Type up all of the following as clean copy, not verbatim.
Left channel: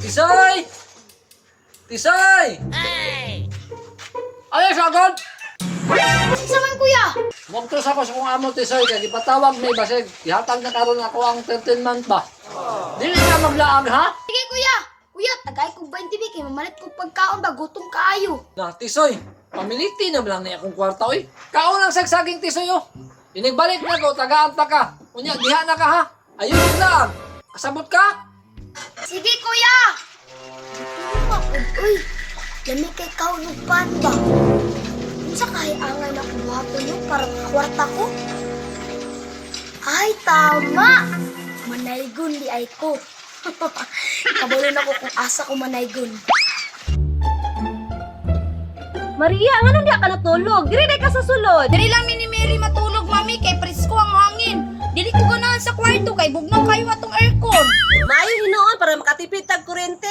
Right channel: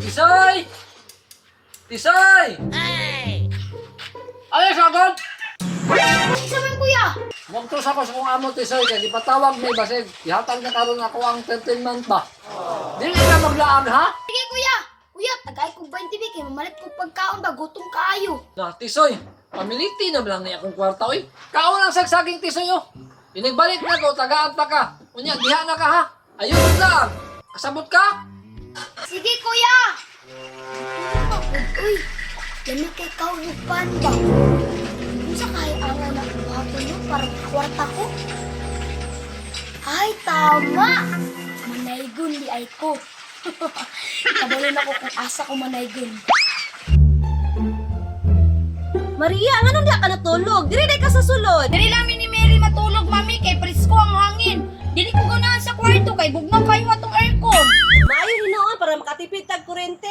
Tisoy! Tisoy! Hey! Ay, sagod! Isa man kuya. Mugtos ako sa kong amo, Tisoy, kaya ipatawag may basig. Ihatag na karon ako ang 13 month ba? Dili ka maglaag, ha? Sige kuya. Kuya, tagay kong 20 bi kay mamalit kong pagkaon ba gutom kaayo. Na, Tisoy, pamiliti na lang na akong kwarta, oy. Kaon ang sagsaging, Tisoy, oh. Inigbalik na ko, tagaan ta ka. Unya, diha na ka, ha? Ayun lang. Kasabot ka? Sige kuya. Mapod, uy. Lami kay kaunog panda. Unsa kay angan na kuwapo nyo para kwarta ko? Ay, tama. Manaygon di ay ko. Kabalon ako kung asa ko manaygon. Maria, nga nung di ka natulog? Diri ka sa sulod. Dili lang ni Mary matulog, mami, kay presko ang hangin. Dili ko ganahan sa kwarto kay bugnaw kayo atong aircon. Maayo hinoon para makatipid tag kuryente.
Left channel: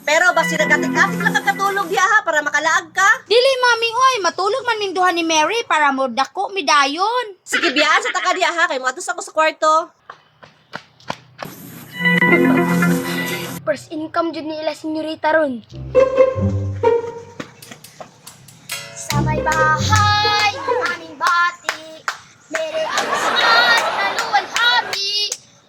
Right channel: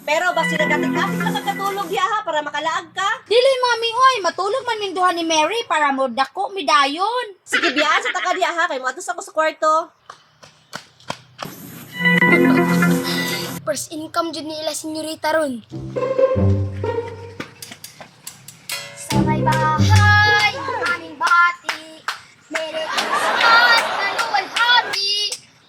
Pero basi nagkatikapit lang katulog diha ha para makalaag ka. Dili, mami, oy, matulog man minduhan ni Mary para mo dako midayon. Sige biyaan sa taka diha ha kay moadtos ako sa kwarto. First income jud ni ila senyorita ron. Sa may bahay, ang aming bati, Merry Christmas, kaluwalhati,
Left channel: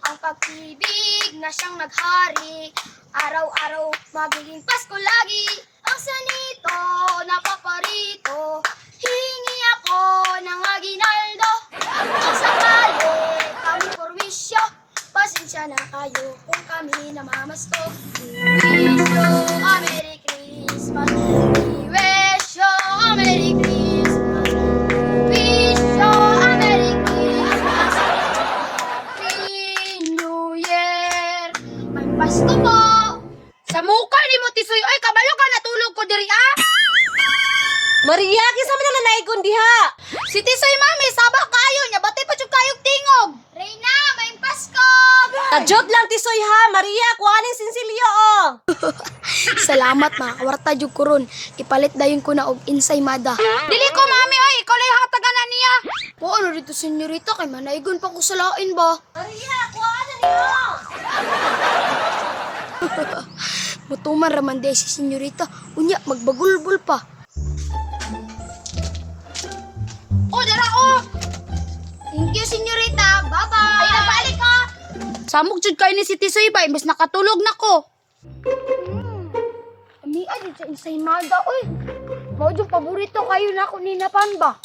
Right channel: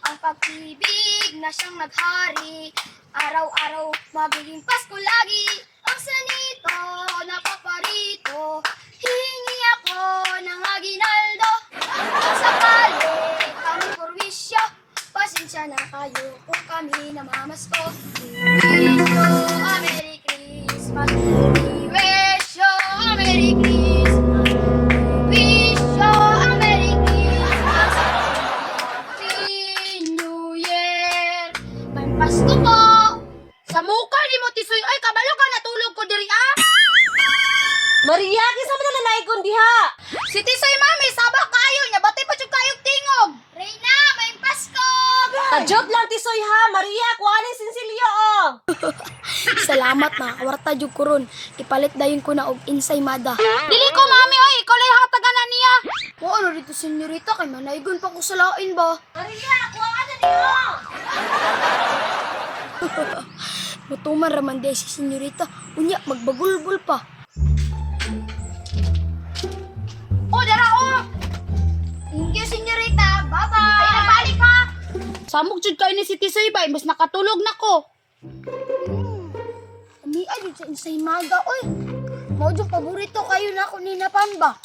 ang pag-ibig na siyang naghari, araw-araw magiging Pasko lagi, ang sanito na paparito, hingi ako ng aginaldo, ang sakali kami kurwisyo, pasensya na kayo kung kami namamasko. We wish you a Merry Christmas, we wish you a Merry Christmas, we wish you a Merry Christmas, Happy New Year. May Pasko po. Sa mukha ni mo tisoy, oy, kabalo ka natulog ko diri ah. Maria, kinsa man na naigon diha? Si tisoy, mami, sabak kayo nya, bati pa jud kayog tingog. Reyna, may Pasko. Kajot lang tisoy ha, Maria, kuhanin sinsilyo oh. Salamat mga kawarta jud ko ron. Ipalit dayon ko na og ensaymada. Dili ko, mami, oy, ikaw lay hatagan na niya. O ano dito senyorita kay manaygon pa ko sa lain ba? Maria, kuhanin niyo. Mutuman raman day si senyorita. Unya magbagulbul pa. O, dara o. Thank you senyorita. Bye-bye. Ay, nabalik ka. Samok jud kayo ni si tisoy ba, imbes nakatulog na ko. Ami ay sa ensaymada oy. Mao jud paborito kayo na ako ni Napan ba?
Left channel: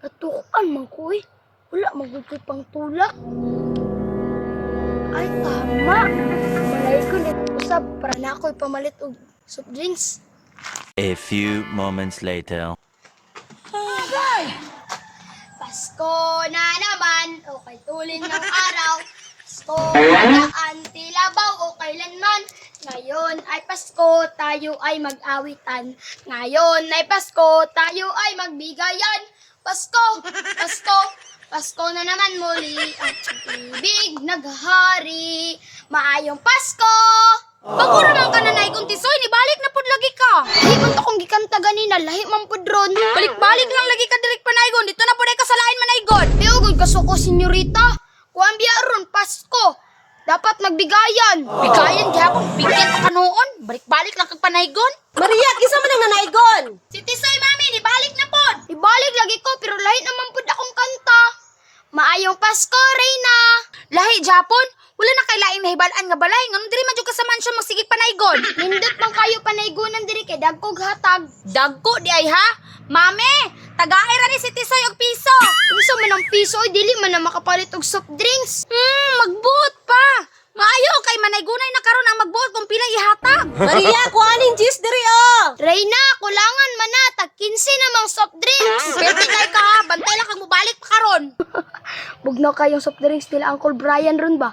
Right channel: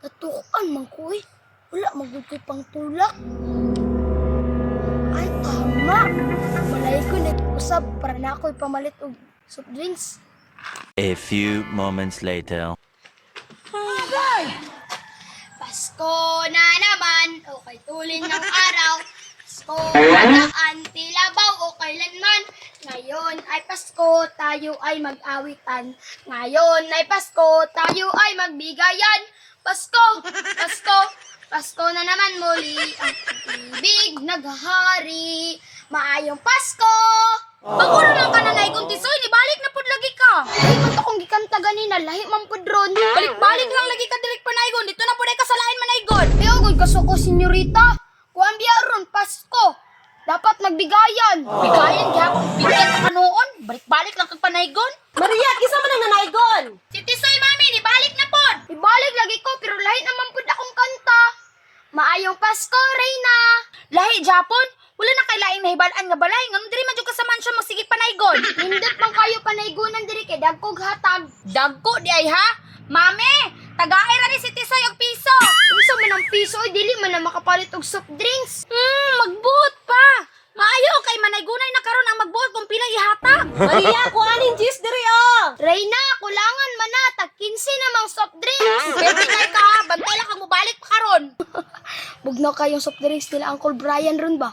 Natukan man ko eh. Wala magugod pang tulak. Ay tama. Malay ko na usab para na ako'y pamalit og soft drinks. A few moments later. Pasko na naman, o kay tulin ng araw. Pasko na antilabaw, o kailanman. Ngayon ay Pasko, tayo ay mag-awitan. Ngayon ay Pasko, tayo ay magbigayan. Pasko, Pasko, Pasko na naman muli. Ang ibig naghahari. Maayong Pasko! Pagura lang ka na naigon tisoy, nibalik na pud lagi ka. Lahi man to kung gikanta ganina, lahi man po dron. Balik-balik lang lagi ka direk panaygon, dito na pud ay kasalain manaygon. Ayun, kasuko, senyorita. Kuwan biya ron, Pasko. Dapat nagbigayan. Bigayan gyapon, bigyan ka noon. Balik-balik lang kag panaygon. Maria, kinsa man ang nanaigon? Si tisoy, mami, nibalik na pud. Ibalik lagi ko, pero lahi naman po akong kanta. Maayong Pasko, Reyna. Lahi Japon, wala na kay laing nahibalaan nga balay, ngano diri man jud ka sa mansyon magsigig panaygon. Nindot man kayo panaygunan diri kay dagkog hatag. Dagko di ay ha? Mami, tagaay ra ni si tisoy og piso. Unsa man ang piso, oy, dili man na makapalit og soft drinks. Magbuot pa. Maayo kay manaygunay na karon ang magbuot kung pila ihatag. Maria, kuhanin juice diri oh. Reyna, kulangan man na, tag 15 namang soft drinks. Pwede na ka, bantay lang kag mobalik pa karon. Bugnaw kayong soft drinks nila Uncle Brian ron ba?